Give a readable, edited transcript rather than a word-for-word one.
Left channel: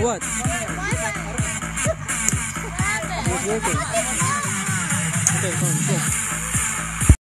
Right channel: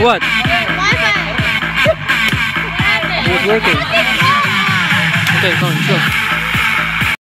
What? Wi-Fi. It was working. Okay, come on, go.